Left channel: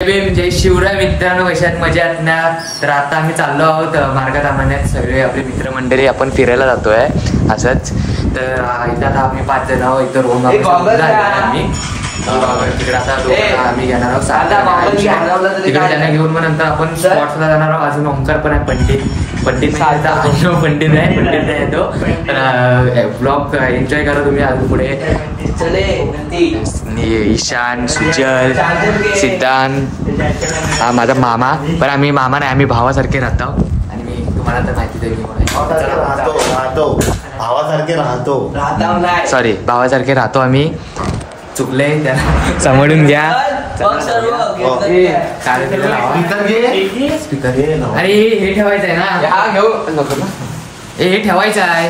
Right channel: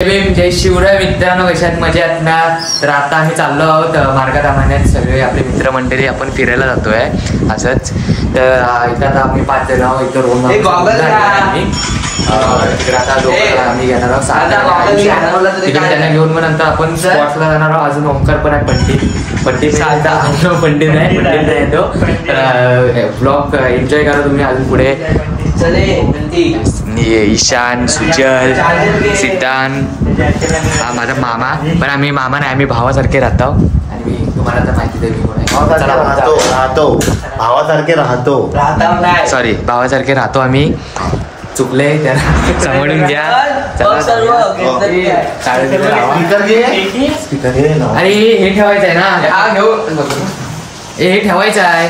जय शिवराय मित्रांनो, कशात मजात ना. तर आता आम्ही चाललो आहोत मार्गात आम्हाला सगळे आपले मित्रमंडळी आपण फिरायला जातोय असंच. तर इथं आता आम्ही 5 जण आहोत. इथं रोहन आम्ही तिकडे आता दोघं आम्ही घेणार आहोत. तिकडे त्यांना घेऊन मग नंतर आपण स्पॉटला जाणार आहोत. अजून ओंकार पण आहे, पंडित पंडित नाही येतो. ब्लॉग एन्जॉय करा तुम्ही अजून पुढे. ईशान, सुजल, सिद्धांत, माझा मामा. पण आम्ही मामा नाही, आम्ही भावासारखे राहतो. आणि मी तुम्हाला तर माहिती आहे मी कोण आहे. सॉरी, भावासारखे राहतो आम्ही. चुकले त्याला समजून घ्या. स्पीकर अरे हे ठेवायचं आहे ना, हे ठेवायचं आहे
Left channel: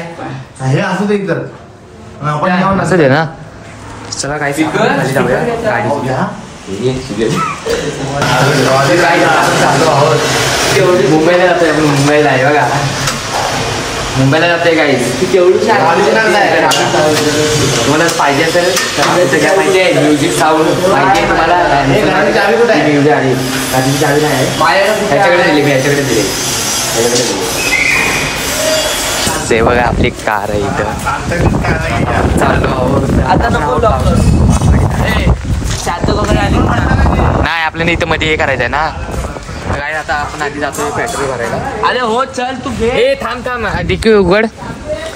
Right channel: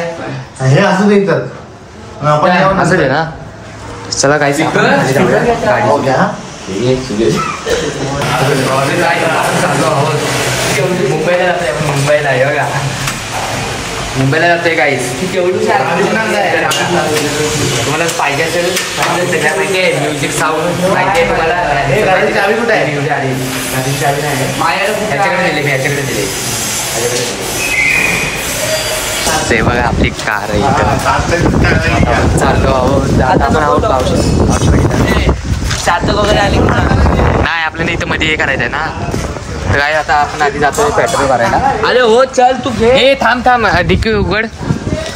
असं दे ना. चला काय खाली जाऊया गाडी. मुंबईला जातोय, मुंबईला आहे बघा, मुंबईला जातोय गाईस. तुम्हाला पाहिजे असेल सगळ्या माहिती आहे, म्युझिक साऊंड माहिती आहे तुम्हाला. चावी नाही याच्याकडे दिली, मी याच्याकडे दिली. ते बघा आपली कार आहे इथं. चाललो आहोत, आपण आहोत नाही आपल्याला इथं मध्ये हे करायचं आहे ना. तर काय आता आपण आधी जातोय पेट्रोल भरायला. अरे हो चल तू घे. हे थांब डिक्की उघड.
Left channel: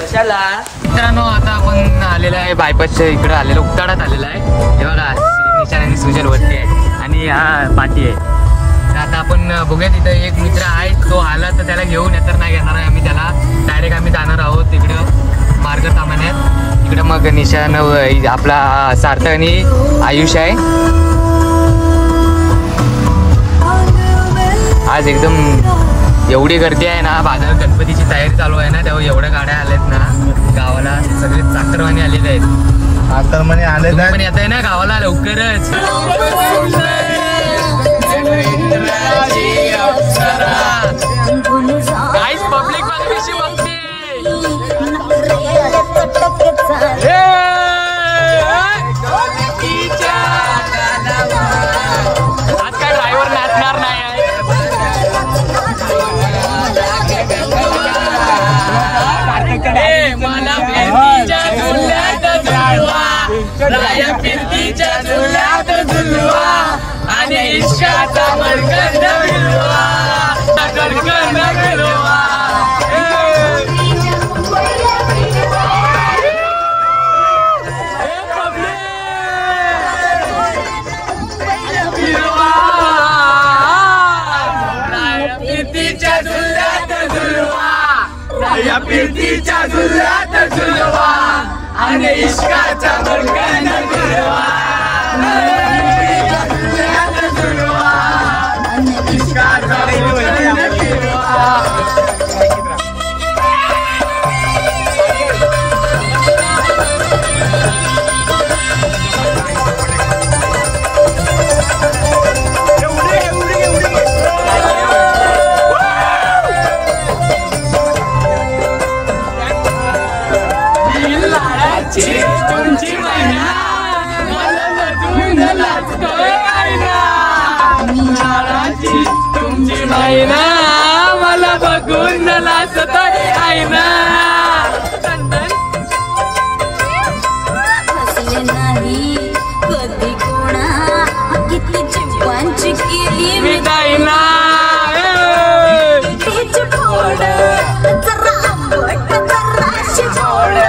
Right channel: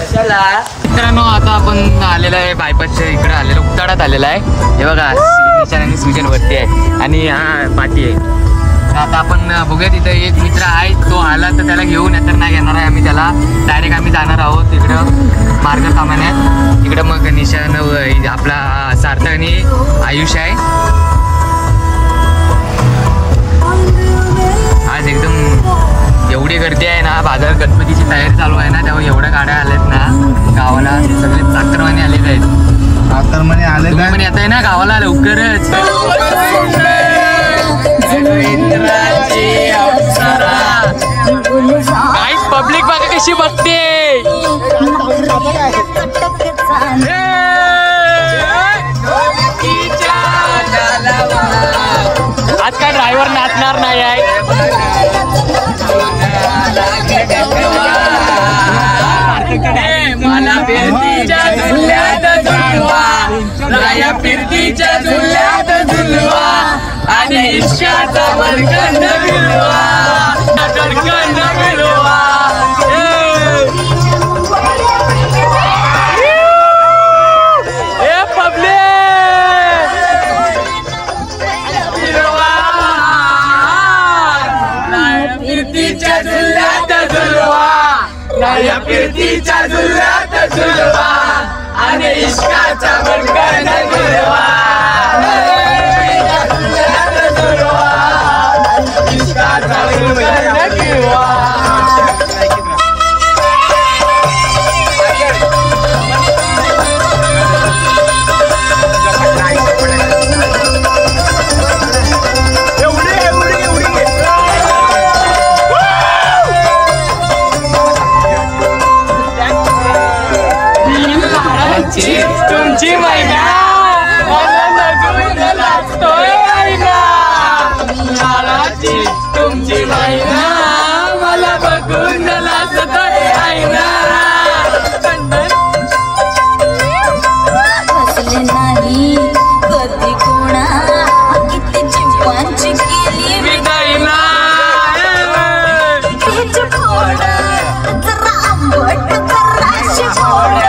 कशाला मित्रांनो, आता आपण आलेला आहे बायपासच्या इकडे आलेलो, उताडात आलेला आहे. हे बघा निशान आणि सुजल वरती आहे आणि हा पाठी आहे. आता आपण बघूया, तिथं एक मित्र आहे, तो आला तर त्याला घेऊन तर नाही घेणार आहे आम्ही त्याला. डायरेक्ट आम्ही जाणार आहोत तिकडं मार्ग सामान्यात. तिकडं मग निशान आपला सार्थक आणि आयुष आहे. आज एकदम एवढी गर्दी आहे ना, बाजार गणपतीची तयारी चालू आहे ना, तेव्हा एवढ्या गाड्या आल्यात ना गावाला. सगळे चाकरमाने आलेले आहेत. तुम्ही पण येत आहे ना गावाला लवकरच. गाईस पब्लिक बघा कशी बघते. आज काय ड्रायव्हर नाचणार नाही आहे. मला फिरतीच्या झुल्यात झुलवा, राया फिरतीच्या झुल्यात झुलवा आणि इश्काचा मणकंद मिळवा, मणकंद मिळवा. या फिरतीच्या झुल्यात झुलवा आणि इश्काचा मणकंद मिळवा, इश्काचा मणकंद मिळवा. तुमची महिना मला बघून नाचतोय महिना, नाळाची तुमची महिना मला बघून नाचतोय महिना. नाही कधी कुणा किती चिंपांची केली मिठाईला फोड जरा आंबट जराशी फोड.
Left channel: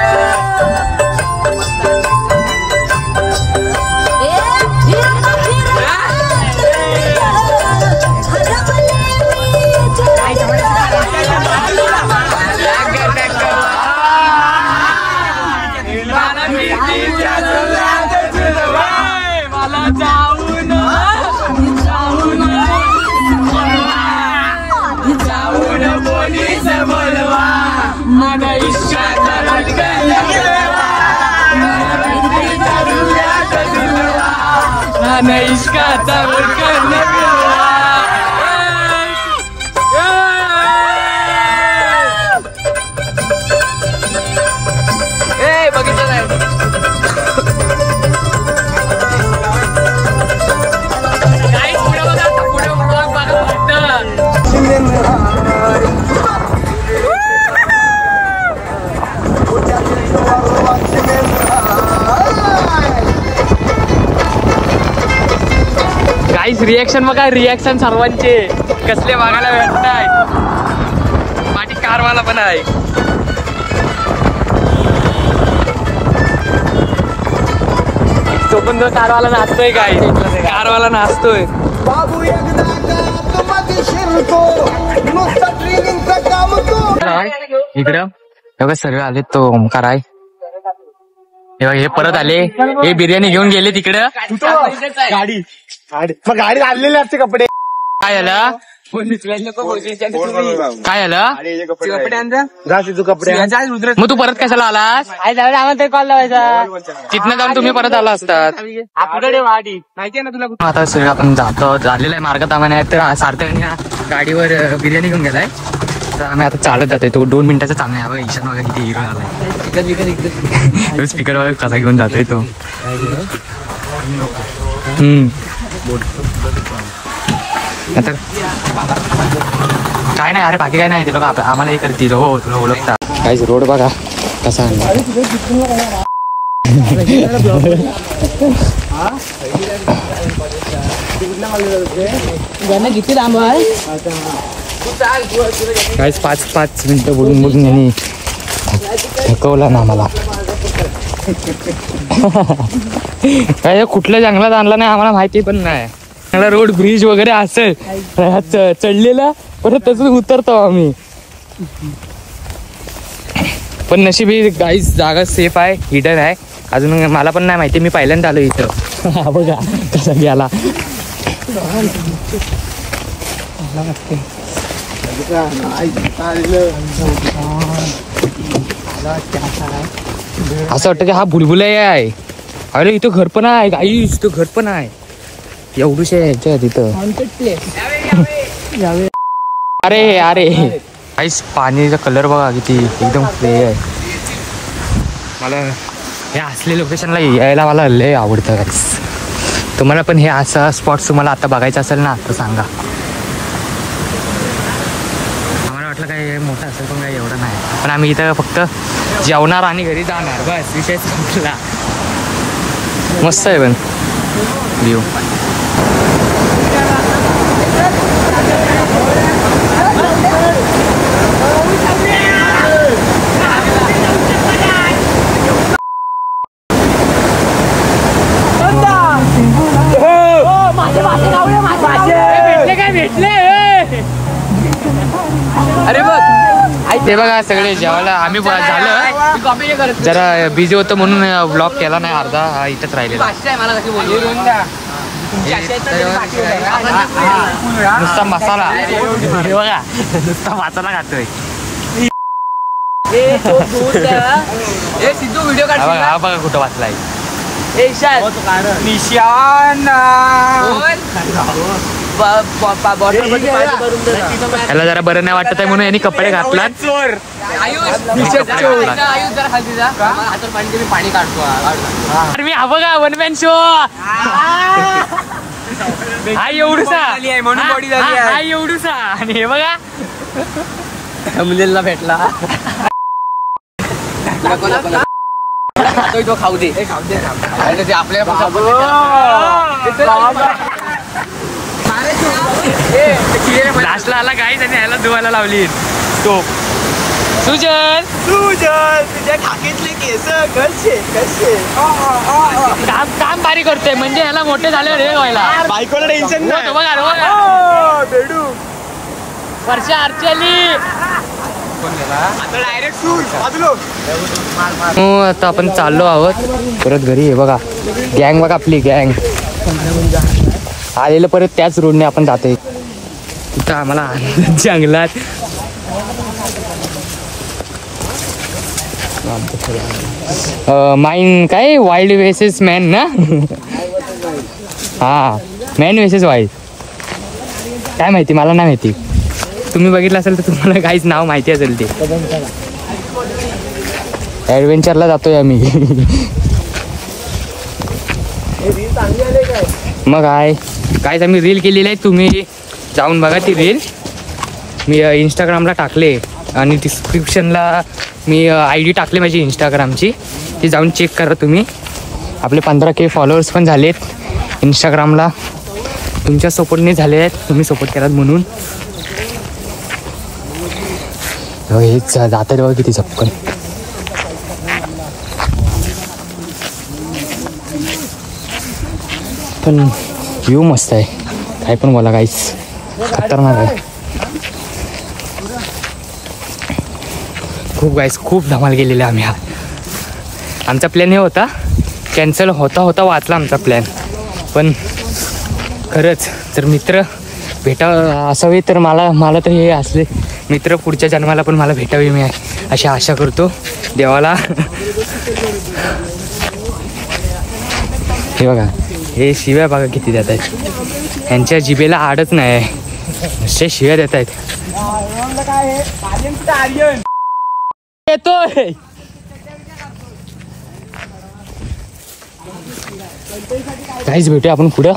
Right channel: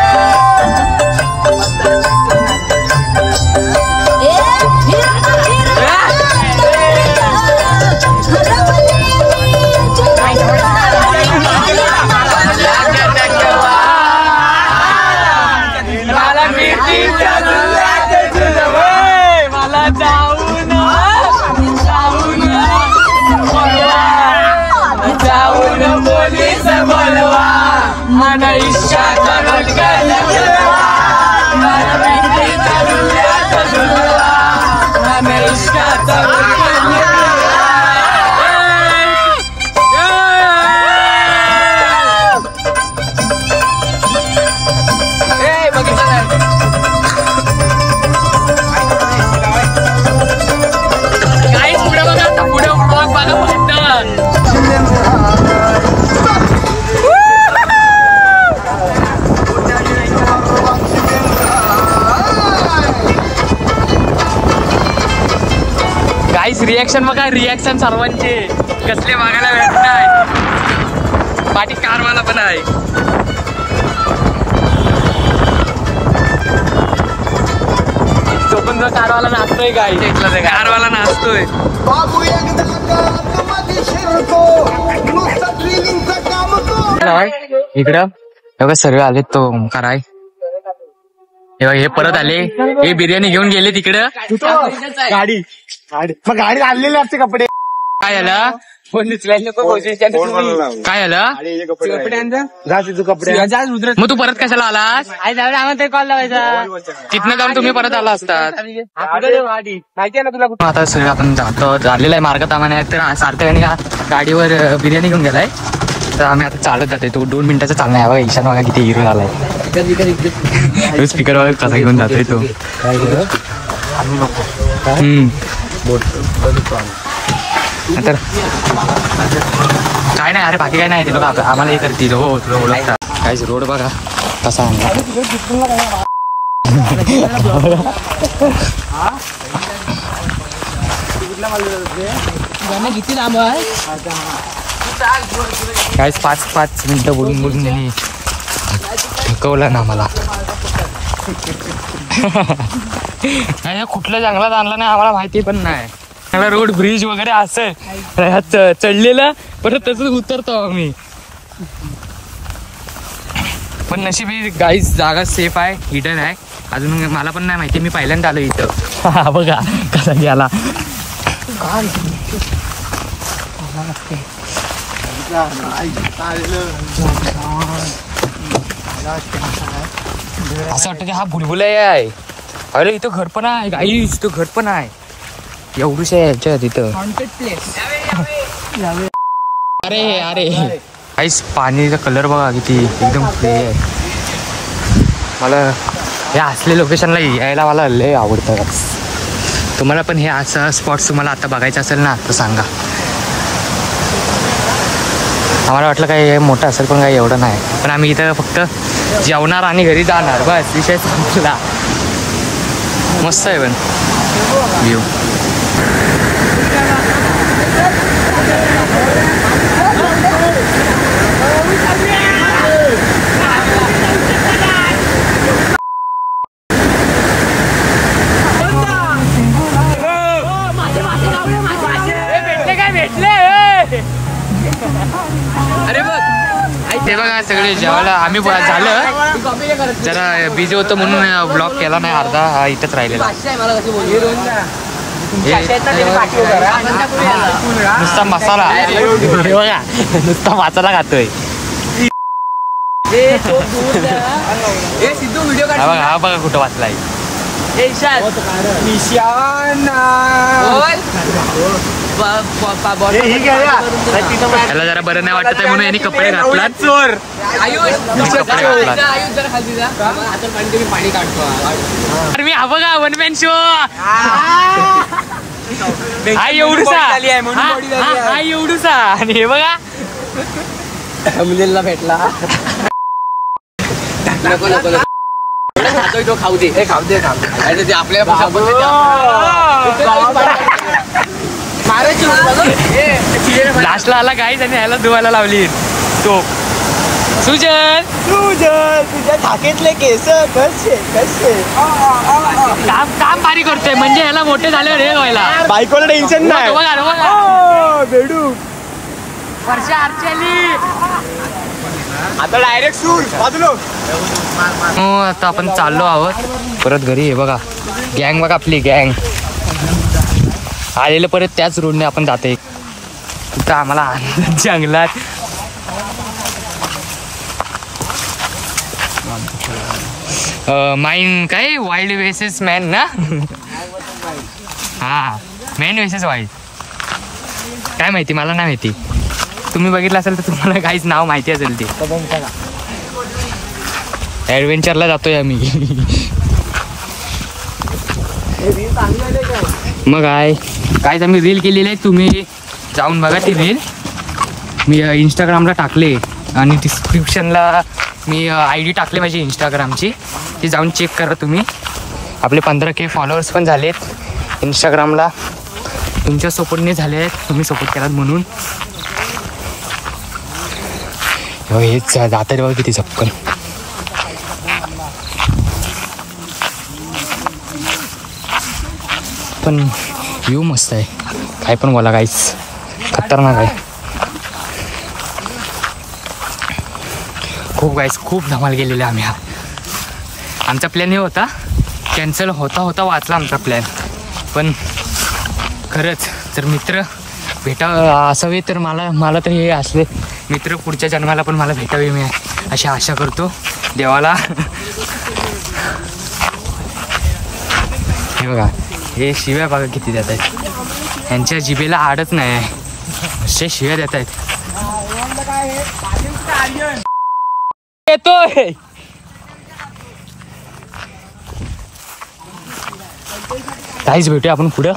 काहीच रिॲक्शन बघा, रिॲक्शन सर्वांचे कसले बघायला भेटणार. पाठी कारवाला पण आहे. तो पण तो कारवाला नाचतोय काय, कारवाला नाचतोय. इकडं बघा सर्व आलेत. तो ओमकार आहे. हे परत आले. हे बिर्याणी घेऊन गेले तिकडं. गाडी आणलेली असते. कपडे काय आला, काय आला, मग तू परत कशाला आलास? तिथनं जाऊन तुम्ही परत आला असतात. आता सगळं आपण जातो. झालेला आहे मार्ग तामाने. तर सार्थक गाडीवर बिर्याणी घेऊन गेलाय. तर आम्ही आता चालत जातोय. तो 2 मिनिटाचा चालणार आहे. बघा ईशान बघा किती हिरो आलाय. स्पीकर वगैरे कसा घेऊन जातोय तो. तर काय नाही अरे, बाकी काय नाही. ते बघा आम्हाला हे करतील. हो तुला ओळखता. काहीच रोड बघा कसा आणला. किती लांब आहे. काहीच 5 मिनिटं बोलून यांनी थकवला ना मला. काय कुठल्या जंगलात आणला नाही आम्हाला माहिती पण नाही. मला रोड ब्रिज वगैरे असेल चढलेला, परत तसंच उतरतो आम्ही. पण नशीब काहीच जागा सेफ आहे, हिडन आहे. अजून मला पण नाही माहिती. मी पहिल्यांदा आलो इथं. बघा कसा गेला. असं वाटतं की हा बुलबुला आहे. अरे इथं घर पण आहे. गाईस इथं घर पण आहे. एवढूशा ह्याच्या तिथं. अरे अरे काहीच पाणीचा कलर बघा किती एकदम फ्रेश आहे. मला हे असले लोकेशनला यायला मला लय आवडतं. तुम्हाला पण हे असं स्पॉट्स तुम्हाला आता बघायचं असेल ना तर सांगा. आम्हाला वाटलं काय हे मोठं असेल पण काही एवढं नाही. पण आम्ही इथं फक्त जेवणार आणि घरी जाणार बस, विषय संपला. मस्त आहे पण व्ह्यू. अरे बघ ते बघा सगळे जेवायला आम्ही झालं जरा बिझी होतो म्हणून ब्लॉग केला नाही. अर्धा इथंच राहिलेला. नुसता मसाला बघा, नुसता मसाला खातोय. हा बघा कुठं वाचलाय. त्याला जरा बरं नाही वाटत आहे म्हणून यांनी कपडे घातला. पाणी काढतो. अरे मी हा बघा वन मॅन शो. हा एवढूसा, हा एवढूसा. आणि हे बघा मुलीला भेटला. खाऊ दे आपल्या लास्टला आला काहीच आणि ह्याला धुवायला लावली टोप. सुजल तुझ्या खात्यातले केस काम भारी करतोय. म्हणजे ह्याला मोठे झाल्यावर हे व्हायला बायकोला टेन्शन नाही. बघा बघा वर्षा आरती आली आता डायरेक्ट सूर. हो आता आपण चाललो आहोत परत घरी. हे बघा गँग बघा आपली गँग आलेलं परत त्याच रोडने आपण जाते. तिथं आम्हाला जंगलात माइन काय वाईल्ड वेसेस मॅन ना. हा मॅन वेसेस वाईल्ड काय माहिती मला नाही माहिती. तुम्ही बघितलं असेल तर तुम्हाला काहीच नाव माहिती असेल. ते ॲडव्हेंचरला जातोय आम्ही. मग कायच आम्ही रील केलेली आहे. तुम्ही जाऊन बघा ती रील. मी इंस्टाग्रामला टाकले आणि डिस्क्रिप्शनला मी ID टाकले माझी इंस्टाग्रामची. ती जाऊन चेक करा तुम्ही. आपले 15K फॉलोअर्स पण झालेत इंस्टाग्रामला. तुमच्या सपोर्टने झाले आहेत, तुम्ही सपोर्ट केलात म्हणून. हेच जाता बघा किती चपकन. पण व्ह्यू मस्त आहे, काय पण बोला, काहीच खतरनाक आहे. खूप गाईस खूप धमाल गेलेले आम्ही. आमचा प्लॅन हे होता, कॅन्सल होता वाचला आमचा प्लॅन. पण खरंच जर मित्र असावे तर मला तर हे असले मित्र पुढच्या जन्माला पण मला भेटावे मी अशी आशा करतो देवाला. हे बघा, हे शिव्या बघा किती देत आहेत. ह्यांच्या जिभेला आडच नाही, नुसते शिव्या देत आहेत. येतोय काहीच भेटूया आपण पुढं.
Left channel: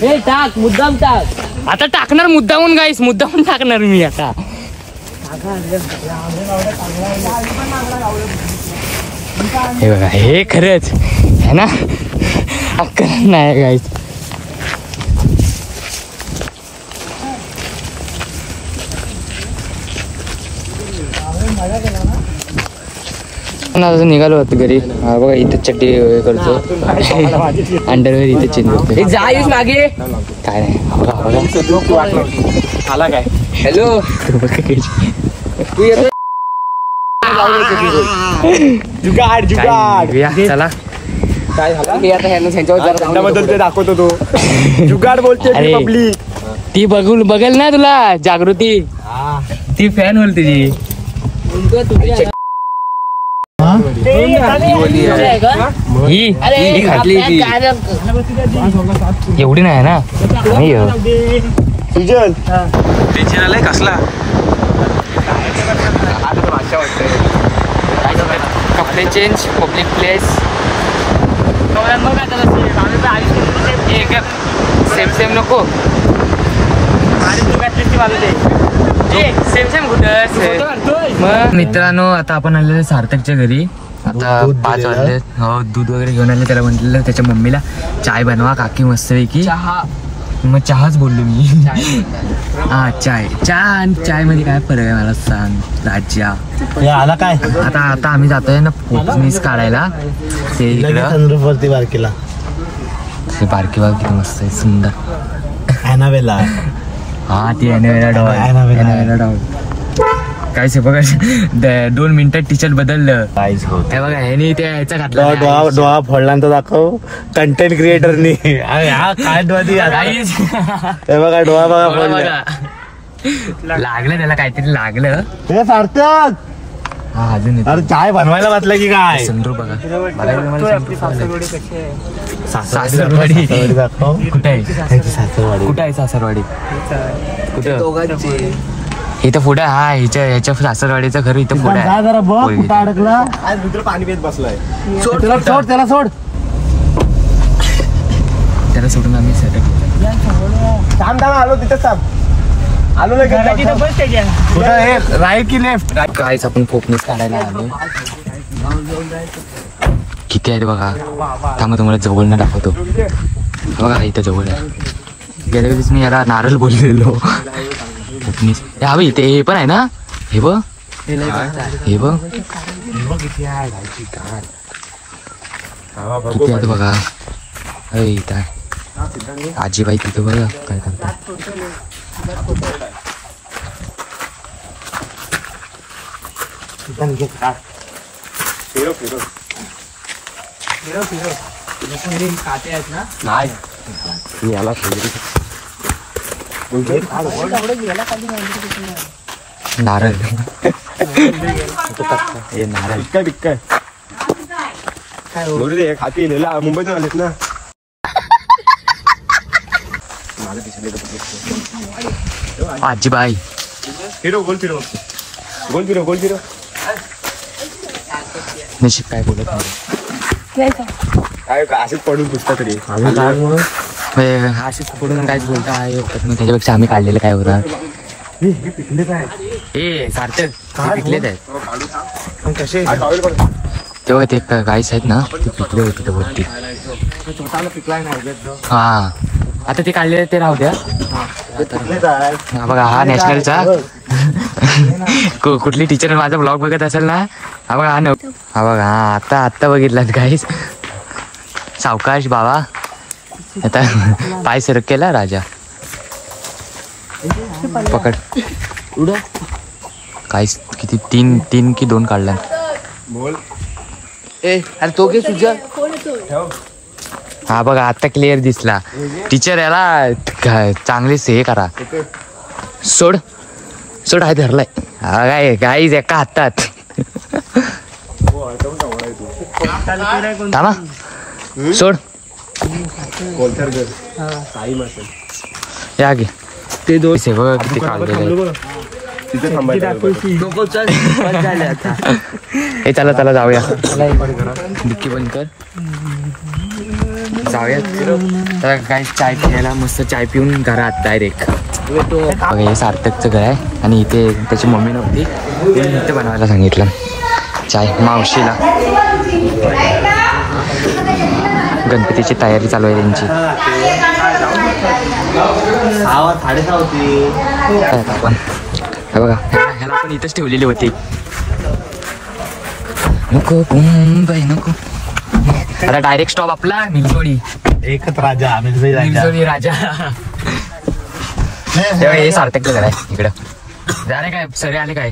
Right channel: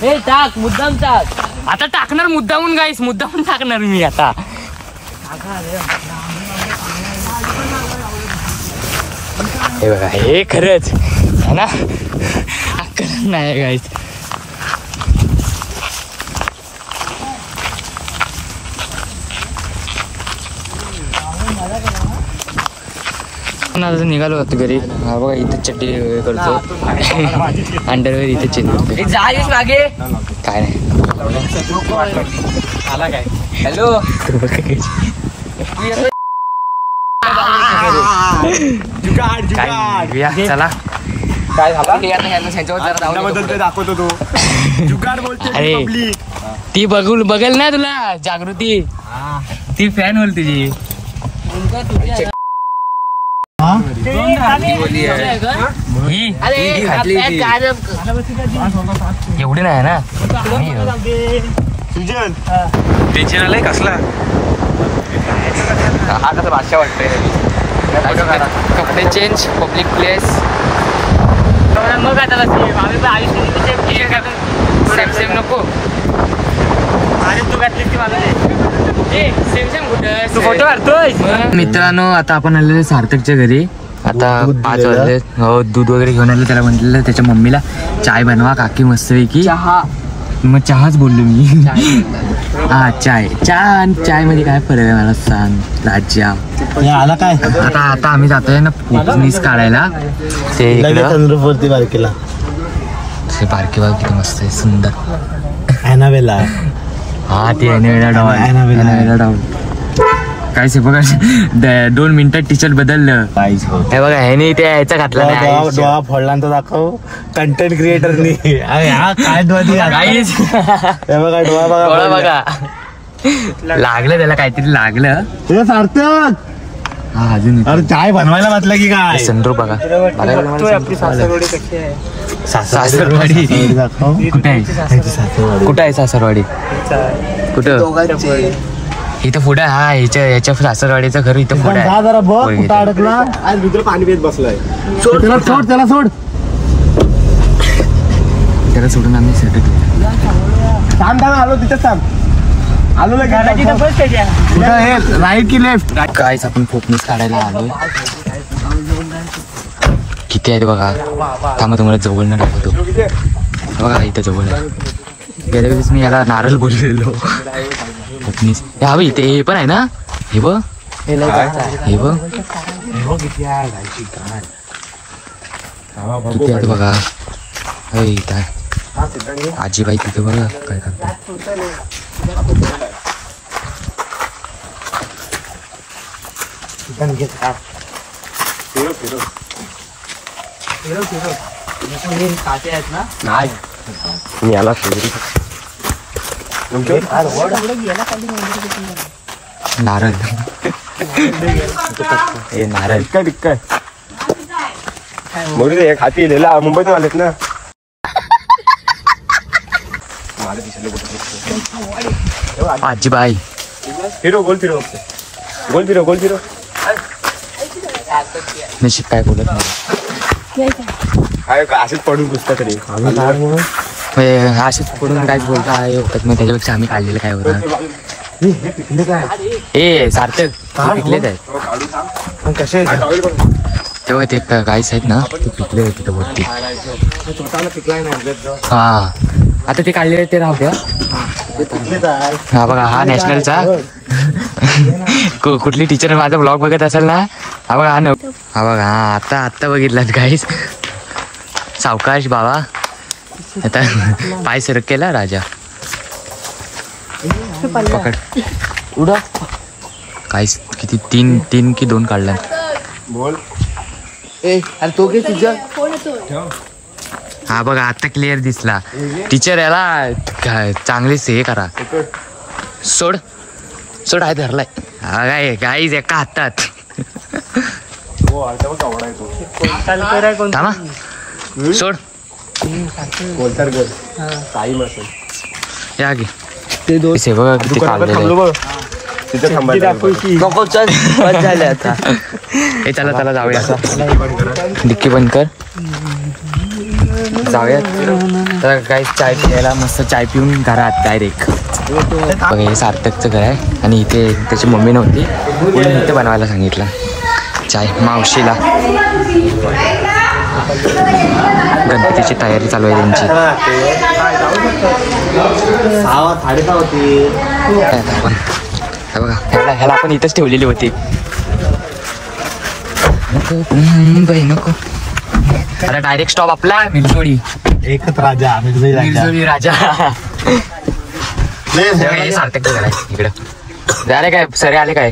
हे टाक, मुद्दाम टाक. आता टाकणार मुद्दामून गाईस, मुद्दामून टाकणार मी आता. हे खरंच ना अक्कल नाही गाईस. निघालो होतो घरी. बघा इथं चड्डी करतो, अंडरवेअर इथे चेंज करतो. काय नाही बघा बघा आला काय. हॅलो चला काय झालं दाखवतो तो जुगाड बोलते पब्लिक. ती बघेल ना तुला जागृती, ती फॅन बोल तुझी. एवढी नाही ना, टेन्शन आलंय कसला. कपडे चेंज, पब्लिक प्लेस. सेम नको. मित्रांनो आता आपण आलेलो सार्थकच्या घरी. आता 5 वाजले. हो दूध वगैरे घेऊन आले. त्याला म्हटलेलं त्याच्या मम्मीला चाय बनवा काकी मस्तपैकी. मग चहाच बोललो मी. हा चाय मध्ये काय फरक आहे मला सांग राजा. आला काय आता आम्ही जातोय ना फोटोनीस काढायला. ते इकडं बारकीला, ते बारकी बाग किती मस्त आहे, सुंदर. एनावेला, हा ती एनावेला डॉल. काय से बघा 2 मिनिटात टी शर्ट बदललं. हे बघा ह्यानी त्या ह्याचा घातला, डोळा फोडला तर दाखव कंटेंट क्रिएटरनी. काय बघा डोळा बघा लागलं त्याला, काहीतरी लागलं. सार्थक हा अजून चाय बनवायला वाचलं की काय. संद्रू बघा सासरवाडी कुठे आहे, कुठं आहे सासरवाडी, कुठं इथं पुढे. हा याच्या सासरवाडीचं घर इथं पुढे आहे. पाणी पित बसलाय. त्याला सोडून आम्ही सेटअप केलं. आलो तिथं आलो राईट की लेफ्ट. कायच आपण फोकनेस काढायला आलोय. किती आहेत बघा. थांबा तुम्हाला जवळ न दाखवतो. बघा इथं जवळ आहे. गेल्या वेळेस मी याला नारळ बोललेलो. फोकनेस हवी इथे. हे पण आहे ना, हे बघ हे बघ किती आहेत बघा. इथं आहे आजीबाई, तिथं बघा काय करतात. याला नारळ हे नारळ खाती मुंबईत आलेत ना. आजीबाई हिरो गोल फिरो नशीब काय बोलत नाही. अशीच पडून पुसता तरी अशीच पडून काहीच बोलता होत नाही. त्याच्यापेक्षा आम्ही काढलेलं काय होतं. हे सार्थक पिकलेत आहेत तेव्हा ते गाईस आहेत ना, ते पिकले होते तिथं वरती. छोटाला पिकलाय नाही. हा आता ते काढलेले ते राहू द्या. हा बघा हा नॅशनलचा कुठली टीचर माझा ब्लॉग बघत असेल ना. हा बघा हा बघा हा आता बघितलात गाईस. सावकाश बाबा आता पाय सरक केला राजा. पकड उडा. काहीच किती तीन की 2 काढला. बोल आणि तो घे तुझ्या. हा बघा आता क्लिअर दिसला. टीचर याला चांगलीच हे करा. सोड आहे धरलाय. हा काय गाईज एका हातात. थांबा सोड. कोलतर घर काही असेल या घे ते दोन बघा किती काढलेले आहेत. चला जाऊया. डिक्की बंद कर. जाऊयात तर काही चाय पियाला. मस्त चाय पिऊन घरात डायरेक्ट. बघा हे सार्थकचं घर आहे आणि इथे त्याची मम्मी नव्हती म्हणून इथे बनवायला सांगितलं चाय मावशीला. गणपतीची तयारी चालू आहे त्यांची. आपण बघा ह्याला आपण इथंच ठेवलेली होती. नको नको. आता डायरेक्ट स्टॉप आपला मिरजोडी. एकच राजा मिरजोडी राजा. हे सार्थक घर आहे इकडं. झाले काय सरे आले काय.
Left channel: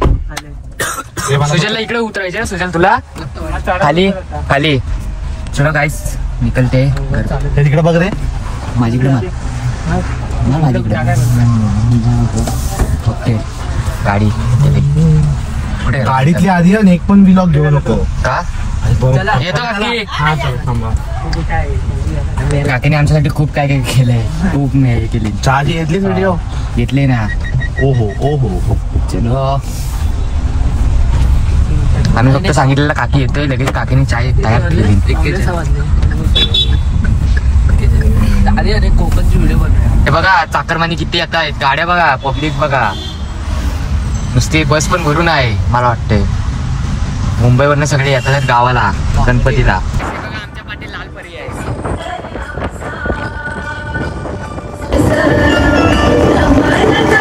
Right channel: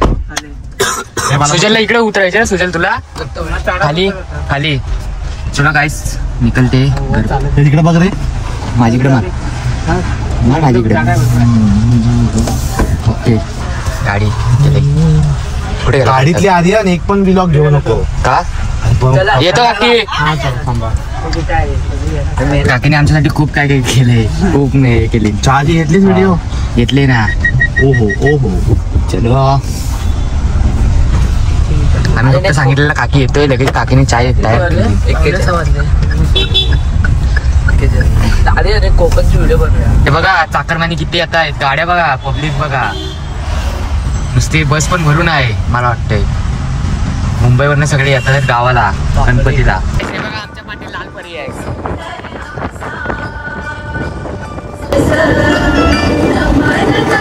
सुजलला इकडे उतरायचे ना. सुजल तुला खाली चला काहीच निकलते. तिकडे बघ रे. माझीकडे माझीकडे ओके. गाडी कुठे गाडीतली आधी आणि एक पण व्लॉग घेऊ नको का. येतो काकी. काकीने आमच्यासाठी खूप काय केलंय. खूप नाही केली. चहाची घेतलीच व्हिडिओ घेतले ना. ओहो चलो आम्ही फक्त सांगितलेलं काकी येतोय लगेच. काकीने चाय तयार केली. हे बघा चाकरमानी किती येत आहेत. गाड्या बघा पब्लिक बघा. नुसती बस पण भरून आहे. मला वाटतंय मुंबईवरनं सगळे येतात गावाला गणपतीला. आमच्या पाठी लाल परी आहे.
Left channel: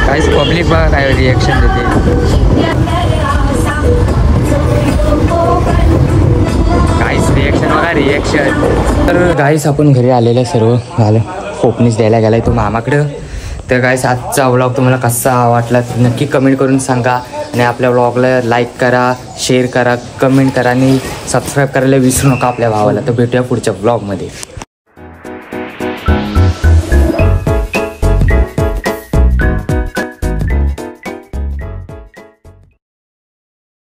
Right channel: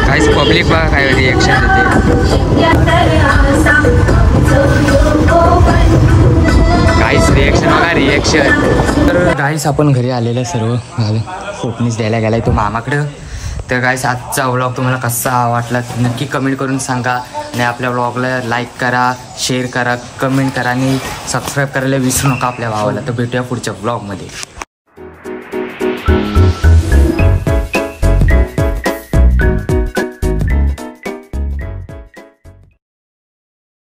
काहीच पब्लिक बघा काय रिएक्शन देते. गाईस रिएक्शन बघा रिएक्शन. तर गाईस आपण घरी आलेलं सर्व झालं. फोपनीस द्यायला गेलाय तो मामाकडं. तर गाईस आजचा व्लॉग तुम्हाला कसा वाटला नक्की कमेंट करून सांगा. आणि आपल्या व्लॉगला लाईक करा, शेअर करा, कमेंट करा आणि सबस्क्राईब करायला विसरू नका आपल्या भावाला. तर भेटूया पुढच्या व्लॉगमध्ये.